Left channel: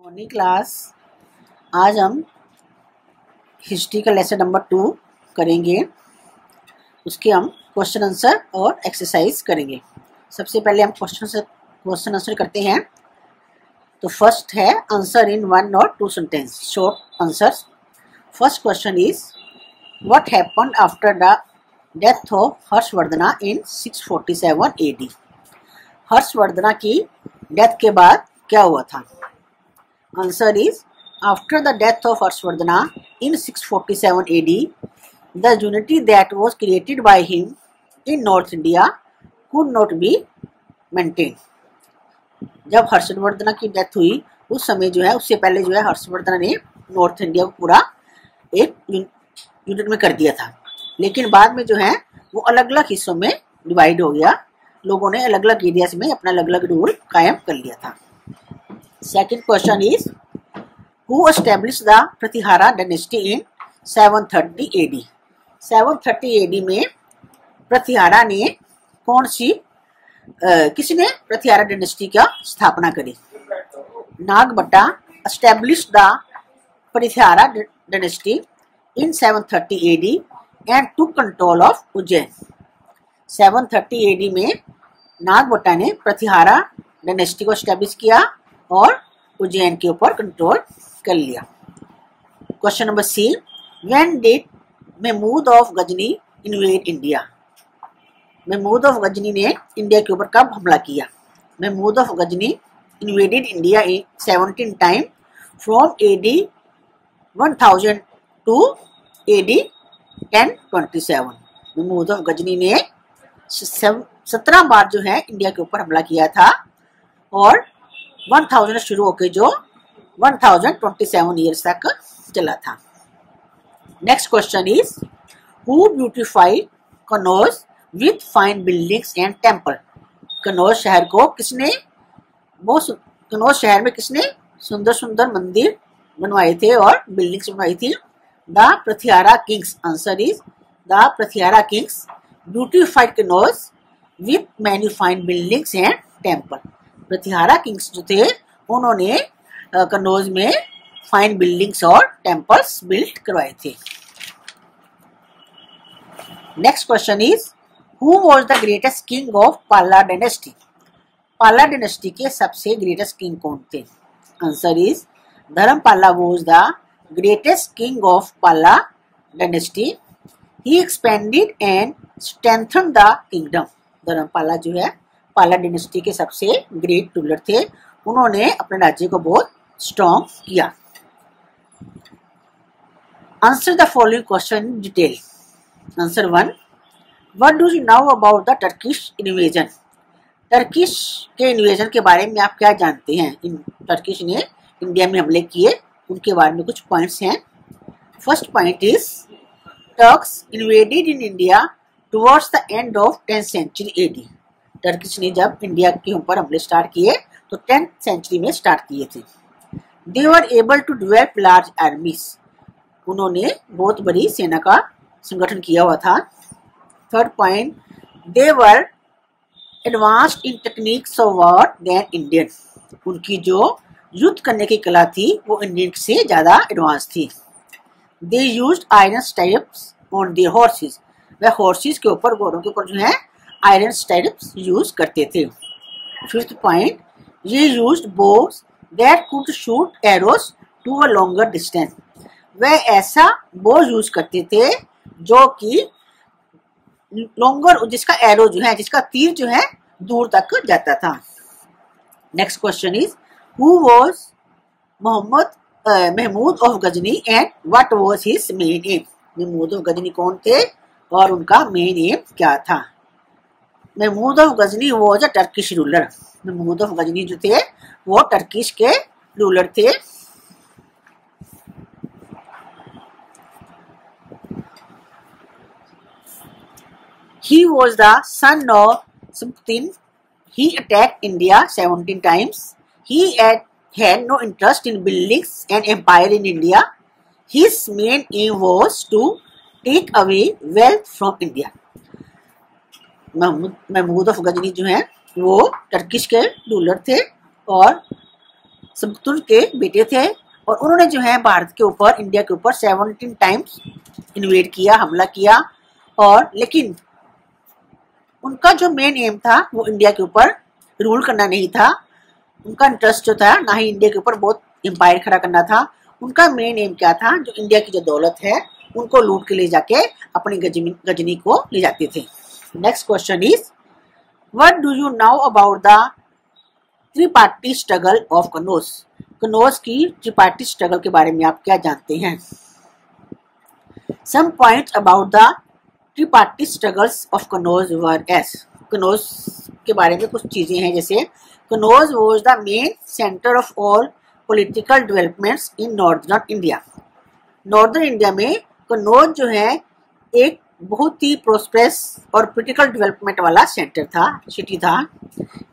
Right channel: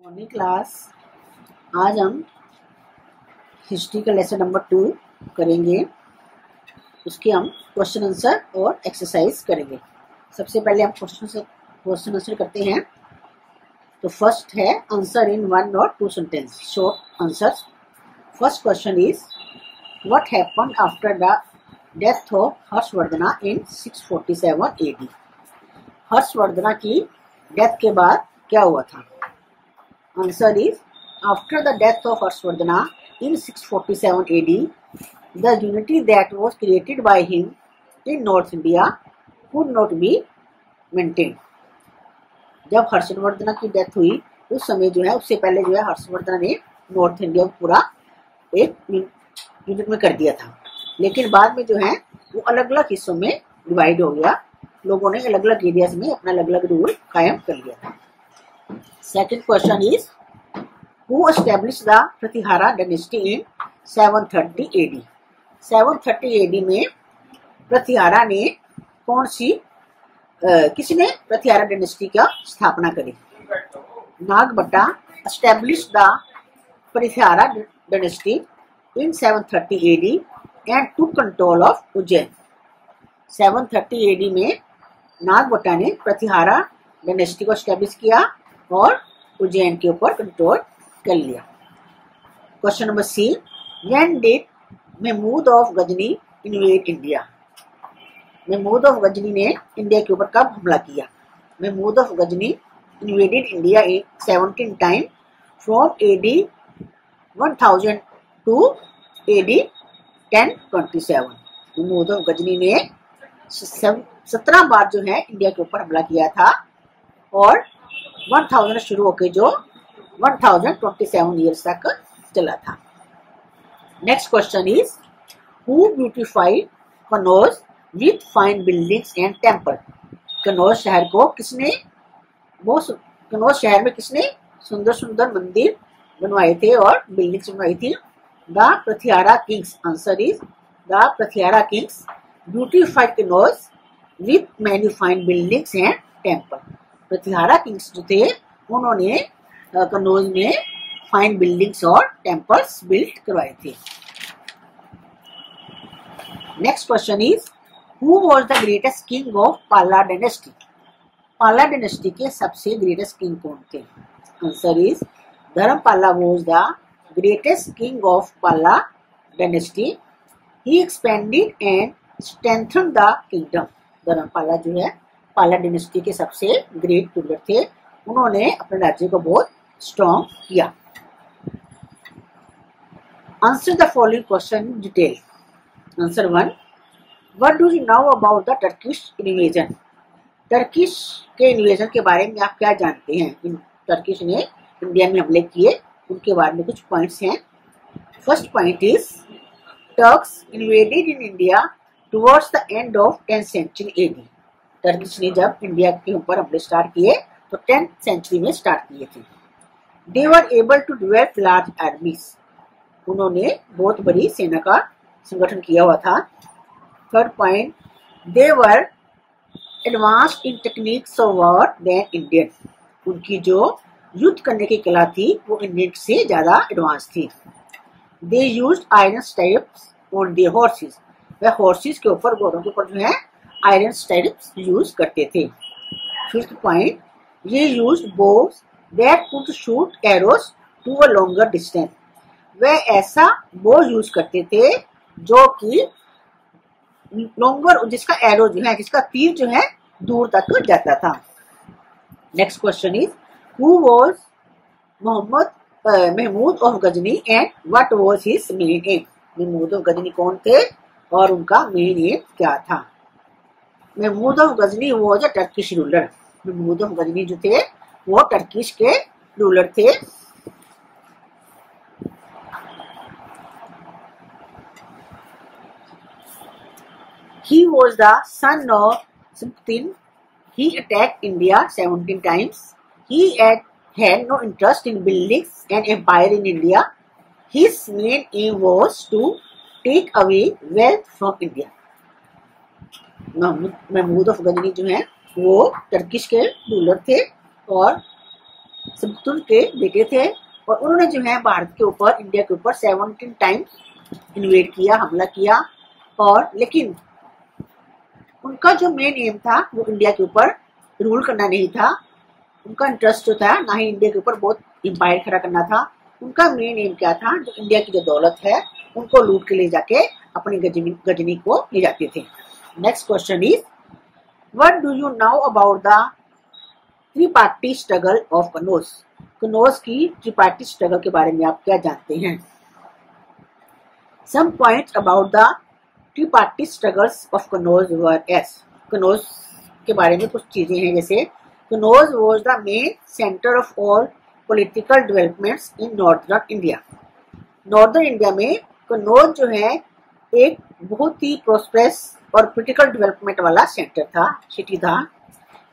Morning class. आज हम history का लेसन नंबर 2 करेंगे। उसके हम क्वेश्चन आंसर और एक्सरसाइज करेंगे। सबसे पहले हम क्वेश्चन आंसर करते हैं। तो फर्स्ट है आंसर इन 1 और 2 sentence, short answers. First question is what happened after the death of Harshavardhana in 647 AD। Harshavardhana की डेथ के बाद क्या हुआ था? Answer is after the death of Harshvardhana in 647 AD, the unity that was created by him in North India could not be maintained. जब हर्षवर्धना की death हुई उस समय जो है, उससे पहले जो है हर्षवर्धना ने नॉर्थ इंडिया को पूरा एक यूनिट में कर दिया था, लेकिन बाद में जो है वो अलग अलग हिस्सों में डिवाइड हो गया। लोगों ने अलग अलग एरियाज में अपना अलग अलग रूल कायम कर लिया था। Second question is who established the Pratihara dynasty in 730 AD? 730 AD में प्रतिहारा ने किसने प्रतिहारा डायनेस्टी का स्थापना करी? Nagabhatta established the Pratihara dynasty in 730 AD and took control of Ujjain. 730 AD में नागभट्टा ने प्रतिहारा डायनेस्टी को एस्टेब्लिश किया और उज्जैन के ऊपर कंट्रोल कर लिया। Question number C, when did Mahmud of Ghazni invade India? Mahmud of Ghazni ने इंडिया के ऊपर कब हमला किया? Mahmud of Ghazni invaded India in 17 time from AD 1000 to AD 1027। Mahmud of Ghazni ने 17 बार जो है इंडिया के ऊपर हमला किया था और 1000 शुरू होकर जो 1027 ईयर्स तक चला था। Next question is who beautified Kannauj with fine buildings and temple? Kannauj शहर को किसने कनौज शहर में किसने सुंदर सुंदर मंदिर बनवाए थे और बिल्डिंग्स बनवाई थी? The Pratihara kings. Answer is the Pratihara kings beautified Kannauj with many fine buildings and temple. Pratihara kings जो थे उन्होंने कनौज में फाइन बिल्डिंग्स और टेम्पल्स बिल्ड करवाए थे। Next question is who was the greatest king of Pala dynasty? Pala dynasty के सबसे ग्रेटेस्ट किंग कौन थे? Answer is Dharmapala was the greatest king of Pala dynasty. He expanded and strengthened the kingdom. Dharmapala जो है पाला डायनेस्टी के सबसे ग्रेट रूलर थे, उन्होंने अपने राज्य को बहुत स्ट्रॉन्ग किया। Answer the following question in detail. Answer 1, what do you know about the Turkish invasion? Turkish के इन्वेजन के बारे में आप क्या जानते हैं? इन टर्किश ने इंडिया में हमले किए, उनके बारे में कुछ पॉइंट्स हैं। First point is Turks invaded in India towards the end of 10th century AD। Turkish ने जब इंडिया के ऊपर हमले स्टार्ट किए तो 10th सेंचुरी में स्टार्ट किए थे। They were able to develop large armies. उन्होंने बहुत बड़ी सेना का संगठन किया हुआ था। Third point, they were advanced in techniques of war than Indian. उनकी जो युद्ध करने की कला थी वो इंडियन से ज्यादा एडवांस थी। They used iron stipes on their horses. वह हॉर्सेस के ऊपर, घोड़ों के ऊपर जो है आयरन स्टाइप्स यूज करते थे। Fifth point, they used bows that could shoot arrows to a longer distance. वह ऐसा बो यूज करते थे जो कि लॉन्गर, जिसका एरो जो है, जिसका तीर जो है दूर तक जाता था। Next question is who was Mahmud of Ghazni and what was his main aim? Mahmud of Ghazni कौन थे और उनका मेन एम क्या था? Mahmud of Ghazni was a Turkish ruler. Mahmud of Ghazni जो थे वो टर्किश के रूलर थे। He was the son of Subtin. He attacked India 17 times. He had no interest in building an empire in India. His main aim was to take away wealth from India. Mahmud of Ghazni जो है वो Turkish के ruler थे और सबतुल के बेटे थे और उन्होंने जो है भारत के ऊपर, इंडिया के ऊपर 17 टाइम्स इन्वेड किया, हमला किया। और लेकिन उनका जो मेन एम था वो इंडिया के ऊपर रूल करना नहीं था। उनका इंटरेस्ट जो था ना ही इंडिया के ऊपर बहुत एम्पायर खड़ा करना था। उनका मेन एम क्या था, जो इंडिया की जो दौलत है उनको लूट के ले जाके अपनी गजनी को ले जाते थे। Next question is, what do you now about the tripartite struggle of Kannauj? Kannauj की त्रिपाठी स्ट्रगल के बारे में आप क्या जानते हैं? Some points about the tripartite struggles of Kannauj wars. Kannauj के बारे में कुछ चीजें हैं, जैसे Kannauj was the main centre of all political developments in northern India. Northern India में कनौज जो है एक बहुत ही प्रोस्पेरस और पॉलिटिकल डेवलपमेंट वाला सेंटर था, सिटी था।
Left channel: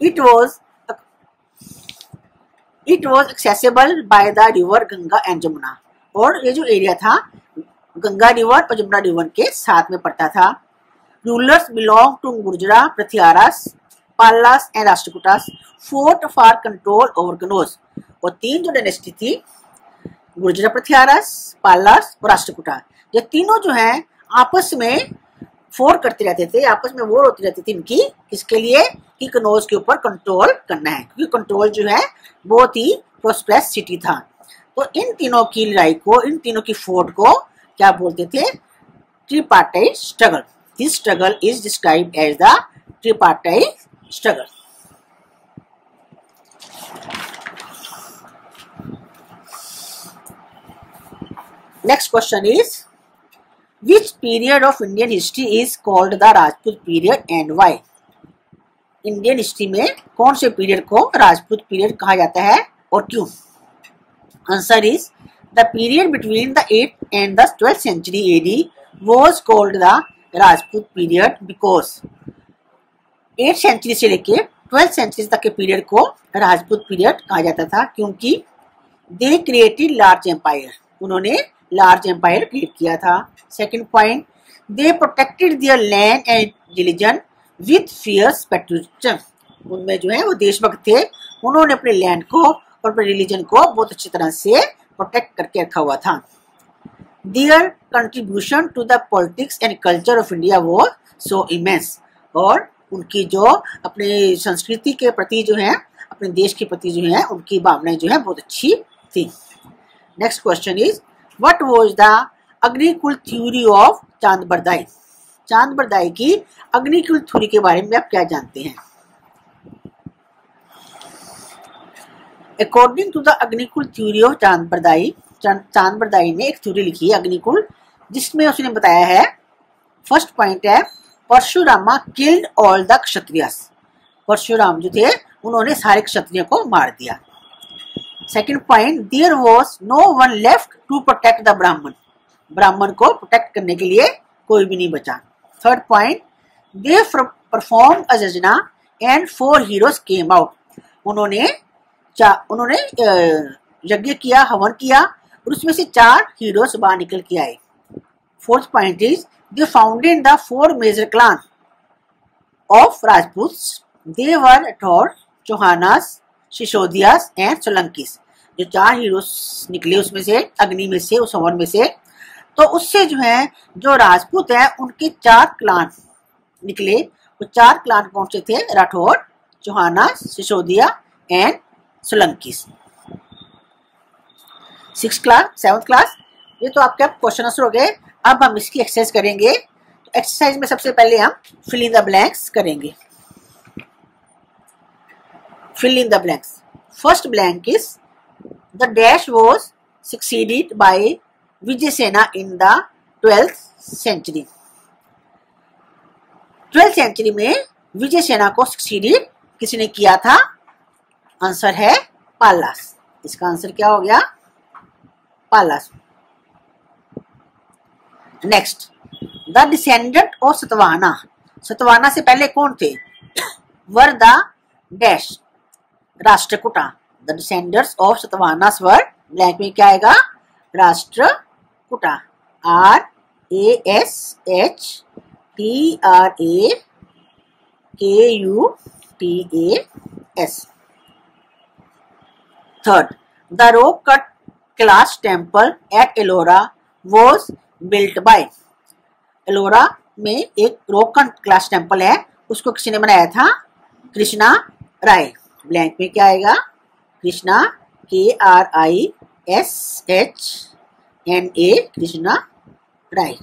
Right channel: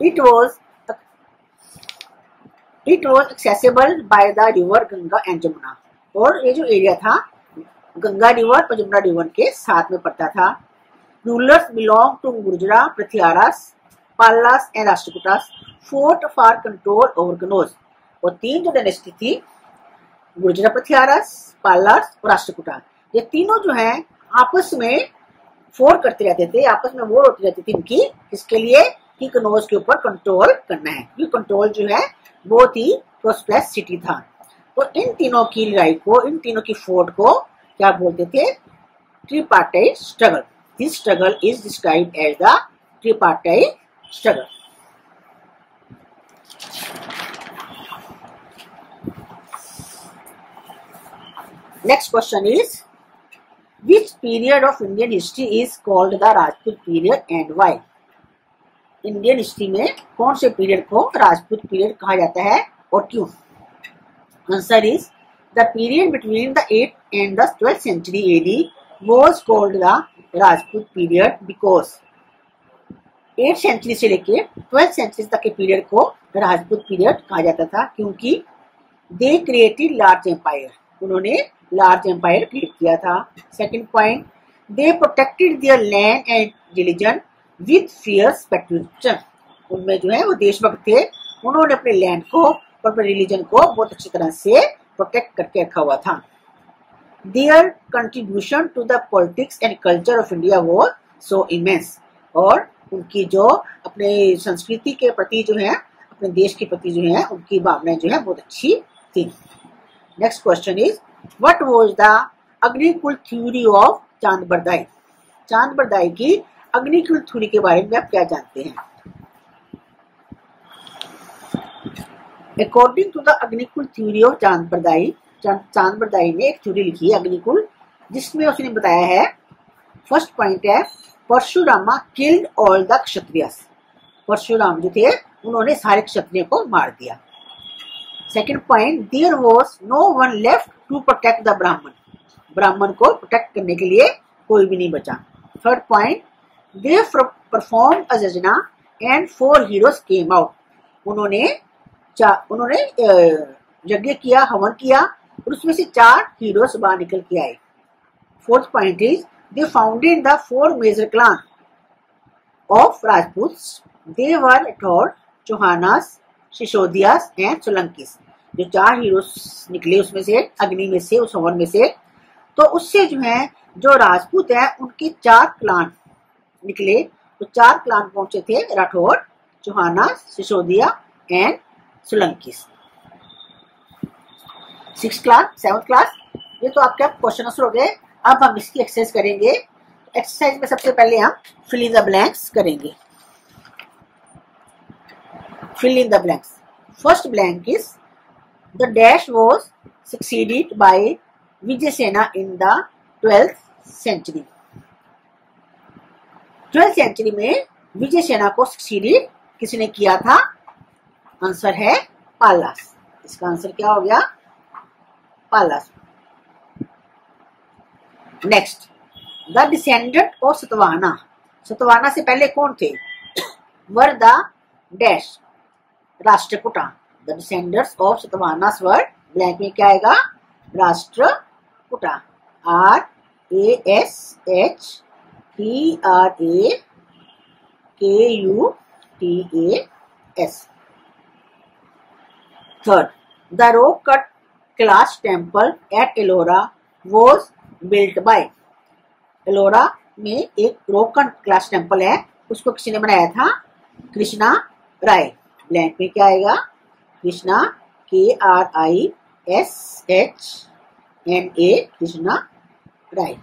It was accessible by the river Ganga and Jamuna. और ये जो एरिया था गंगा रिवर और जमुना रिवर के साथ में पड़ता था। Rulers belong to Gurjara, Prithviras, Palas and Rashtrakutas fought for control over Kannauj. और तीन जो डायनेस्टी थी, गुर्जरा, पृथ्वीरास, पालास और राष्ट्रकूटा, ये तीनों जो है आपस में फोर्ट करते रहते थे, आपस में वॉर होती रहती थी इनकी, किसके लिए कि कनौज के ऊपर कंट्रोल करना है, क्योंकि कंट्रोल जो है बहुत ही प्रोस्पेरस सिटी था। तो इन तीनों की लड़ाई को, इन तीनों की फोर्ट को क्या बोलते थे? Tripartite struggle. This struggle is described as the tripartite struggle. Next question is, which period of Indian history is called the Rajput period and why? Indian history में कौन से पीरियड को राजपूत पीरियड कहा जाता है और क्यों? Answer is, the period between the 8th and the 12th century AD was called the Rajput period because 8th century से लेके 12th सेंचुरी तक के पीरियड को राजपूत पीरियड कहा जाता था, क्योंकि दे क्रिएटेड लार्ज एम्पायर, उन्होंने लार्ज एम्पायर क्रिएट किया था। Second point, they protected their land and religion with fierce patriotism, उनमें जो है वो देशभक्त थे, उन्होंने अपने लैंड को और अपने रिलीजन को बहुत अच्छी तरह से प्रोटेक्ट करके रखा हुआ था। Their contribution to the politics and culture of India was so immense, और उनकी जो अपने संस्कृति के प्रति जो है, अपने देश के प्रति जो है, उनकी भावनाएं जो है बहुत अच्छी थी। Next question is, what was the Agnikul theory of Chand Bardai? चांद बरदाई की अग्निकुल थ्योरी के बारे में आप क्या जानते हैं? According to the Agnikul theory of Chand Bardai, चांद बरदाई ने एक थ्योरी लिखी है अग्निकुल, जिसमें उसने बताया है, फर्स्ट पॉइंट है, Parashurama killed all the Kshatriyas. Parashuram जो थे उन्होंने सारे क्षत्रियों को मार दिया। Second point, there was no one left to protect the Brahmin, ब्राह्मण को प्रोटेक्ट करने के लिए कोई भी नहीं बचा। Third point, they perform a यज्ञ एंड 4 हीरोज केम आउट, उन्होंने यज्ञ किया, हवन किया, और उसमें से 4 हीरोज बाहर निकल के आए। Fourth point is, they founded the 4 major clan of Rajput, they were Rathore, Chauhanas, Sisodiyas and Solankis. जो 4 हीरोज निकले उसमें से, अग्नि में से, उस हवन में से, तो उससे जो है जो राजपूत है उनके 4 क्लान निकले। वो 4 क्लान कौन से थे? Rathore, Chauhanas, Sisodia and Solankis. 6th class, 7th class, ये तो आपके क्वेश्चन आंसर हो गए। अब हम इसकी एक्सरसाइज करेंगे। तो एक्सरसाइज में सबसे पहले हम फिल इन द ब्लैंक्स करेंगे। Fill in the blanks. First blank is, the dash was succeeded by Vijayasena in the 12th century. 12th century में विजयसेना को सक्सीडेड किसने किया था? आंसर है पालास। इसका आंसर क्या हो गया? Palas. Next, the descendant of Satavahana, Satavahana से पहले कौन थे? Were the dash, Rashtrakuta. The descendants of Satavahana were, blank में क्या आएगा? Rashtrakuta. RASHTRAKUTAS। Third, the rock cut glass temple at Ellora was built by. Ellora में एक रॉक कट ग्लास टेम्पल है, उसको किसी ने बनाया था? कृष्णा राय। ब्लैंक में क्या आएगा? Krishna, KRISHNA, Krishna Rai.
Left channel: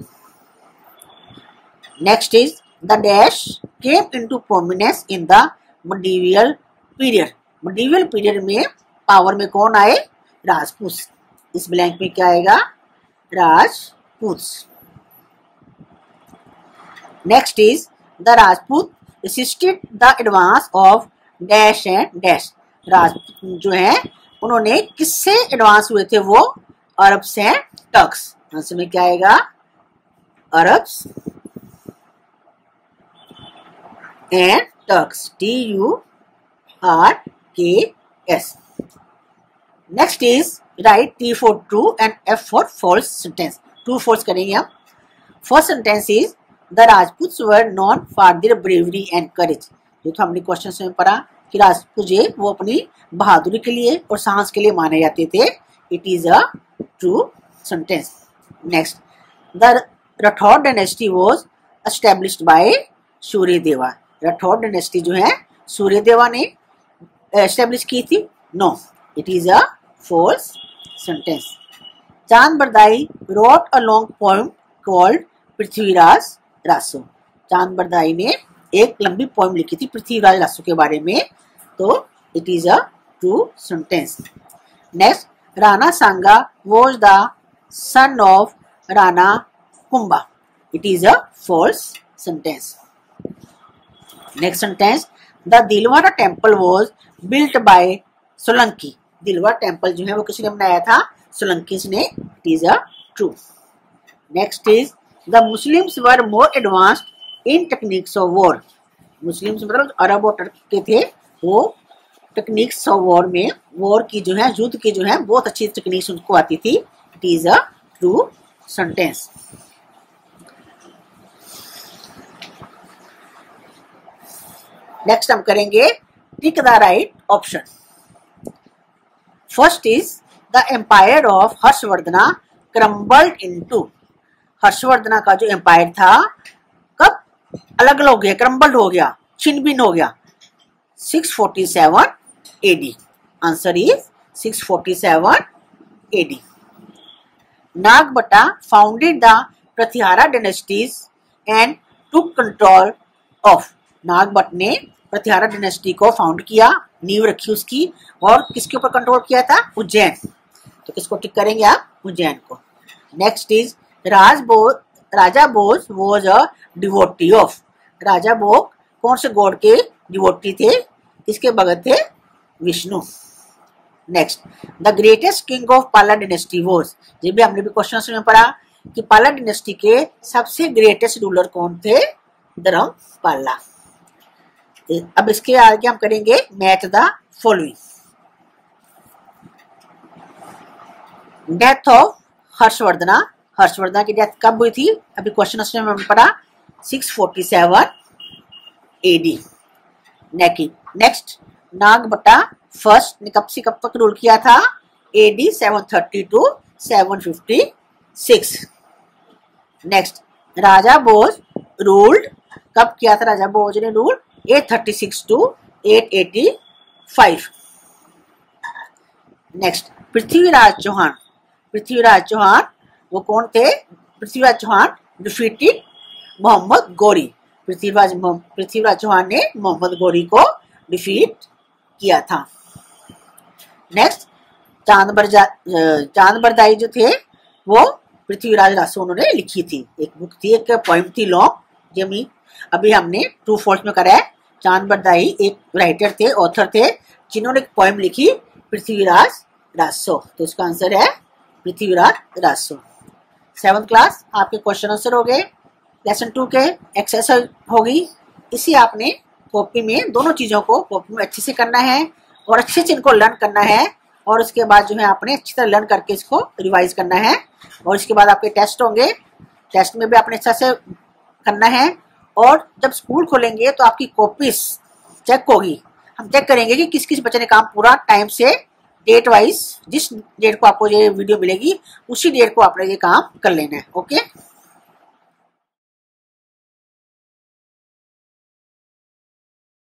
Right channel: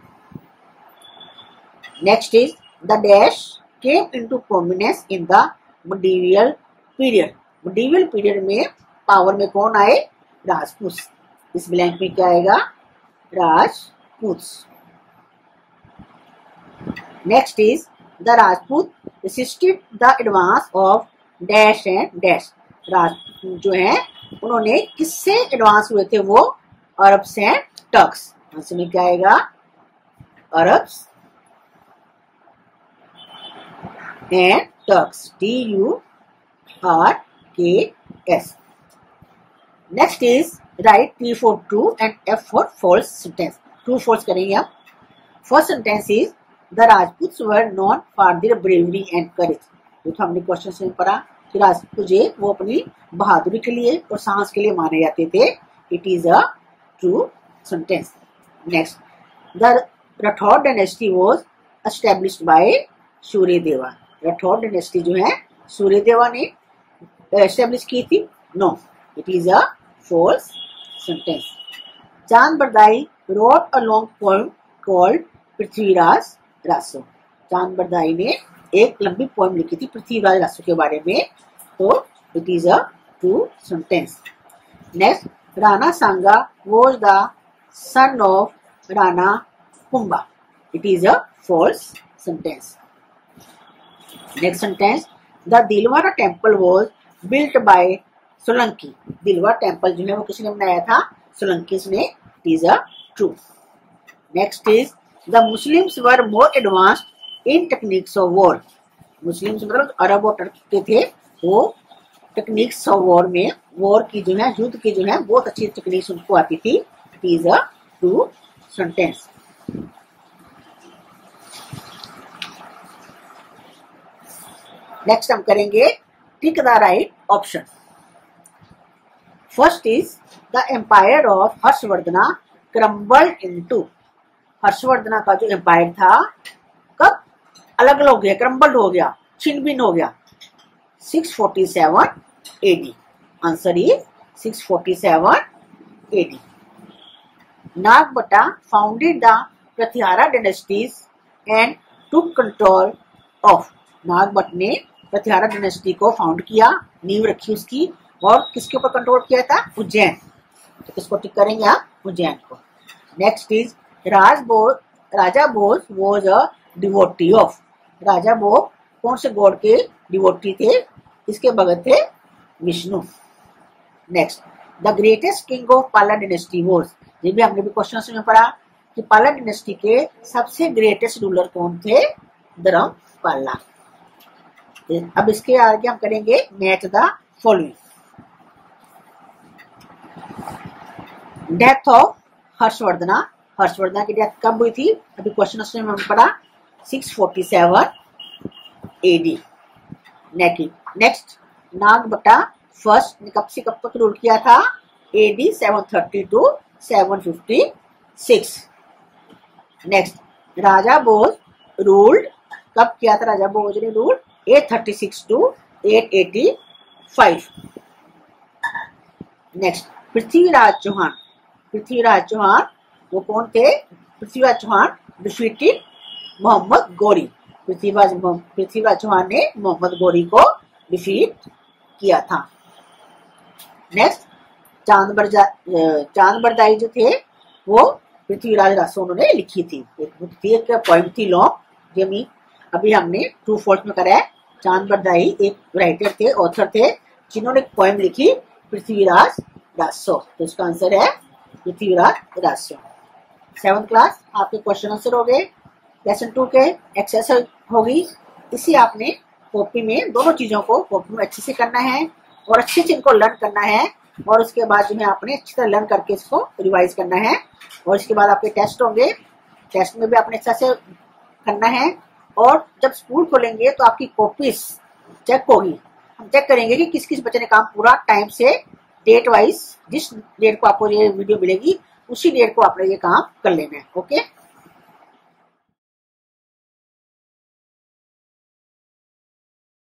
Next is the dash came into prominence in the medieval period. Medieval period में पावर में कौन आए? राजपूत। इस ब्लैंक में क्या आएगा? Rajput. Next is the Rajput resisted the advance of dash and dash. Rajput जो है उन्होंने किससे एडवांस हुए थे? वो अरब्स एंड टर्क्स। आंसर में क्या आएगा? Arabs and Turks, TURKS। Next is write T for true and F for false sentence। True false करेंगे हम। First sentence is the Rajputs were known for their bravery and courage. जो तो हमने question में पढ़ा कि राजपूत जो वो अपनी बहादुरी के लिए और साहस के लिए माने जाते थे। It is a true sentence. Next, the Rathore dynasty was established by Suryadeva. Rathore dynasty जो है सूर्यदेवा ने एस्टैब्लिश की थी? No, it is a false sentence। चांद Bardai wrote a long poem called Prithviraj Raso. चांद बरदाई ने एक लंबी पोएम लिखी थी पृथ्वीराज रासो के बारे में, तो it is a true sentence. Next, Rana Sanga was the son of Rana Kumbha. It is a false sentence। Next sentence, the Dilwara temple was built by Solanki. दिलवा टेम्पल जो है वो किसी ने बनाया था? सोलंकी ने। It is a true. Next is the Muslims were more advanced in techniques of war. Muslims मतलब अरब और टर्क के थे, वो टेक्निक्स ऑफ वॉर में, वॉर की जो है, युद्ध की जो है बहुत अच्छी टेक्निक्स उनको आती थी। It is a true sentence. Next हम करेंगे tick the right option. First is the empire of Harshavardhana crumbled into. Harshavardhana का जो एम्पायर था कब अलग अलग हो गया? क्रम्बल्ड हो गया, छिन्न-भिन्न हो गया। 647 AD। Answer is 647 AD। Nagabhatta founded the Pratihara dynasties and took control of. Nagabhata ने प्रतिहारा डायनेस्टी को फाउंड किया, नींव रखी उसकी, और किसके ऊपर कंट्रोल किया था? उज्जैन। तो किसको टिक करेंगे आप? उज्जैन को। Next is Raja Bhoj was a devotee of. Raja Bhoj कौन से गॉड के डिवोटी थे? इसके भगत थे Vishnu. Next, the greatest king of Pala dynasty was. ये भी हमने भी क्वेश्चन में पढ़ा कि पाला डायनेस्टी के सबसे ग्रेटेस्ट रूलर कौन थे? धर्मपाला। अब इसके आगे हम करेंगे match the following. Death of Harshavardhana. Harshavardhana की डेथ कब हुई थी? अभी क्वेश्चन में हमने पढ़ा 647 AD। नेक्स्ट, नागभट्टा फर्स्ट ने कब से कब तक रूल किया था? AD 730 to 756। Next, Raja Bhoj ruled कब किया था? राजा भोज ने rule 836 to 885। Next, Prithviraj Chauhan. Prithviraj Chauhan वो कौन थे? पृथ्वीराज चौहान डिफीटेड मोहम्मद गौरी। पृथ्वीराज चौहान ने मोहम्मद गौरी को डिफीट किया था। नेक्स्ट, चांद बरदाई जो थे वो पृथ्वीराज रासो उन्होंने लिखी थी। एक बुक थी, एक पोएम थी लॉन्ग, जमी अभी हमने ट्रू फॉल्स में करा है। चांद बरदाई एक राइटर थे, ऑथर थे, जिन्होंने एक पोएम लिखी पृथ्वीराज रासो। तो इसका आंसर है पृथ्वीराज रासो। 7th क्लास आपके क्वेश्चन आंसर हो गए। लेसन 2 के एक्सरसाइज होगी। इसी आपने कॉपी में दोनों चीजों को कॉपी में अच्छे से करना है और अच्छे से इनको लर्न करना है, और उसके बाद जो है आपने अच्छी तरह लर्न करके इसको रिवाइज करना है। और इसके बाद आपके टेस्ट होंगे, टेस्ट में भी आपने अच्छा से करना है। और जब स्कूल खोलेंगे तो आपकी कॉपीज चेक होगी। हम चेक करेंगे कि किस किस बच्चे ने काम पूरा टाइम से डेट वाइज जिस डेट को आपको ये वीडियो मिलेगी उसी डेट को आपने ये काम कर लेना है। ओके।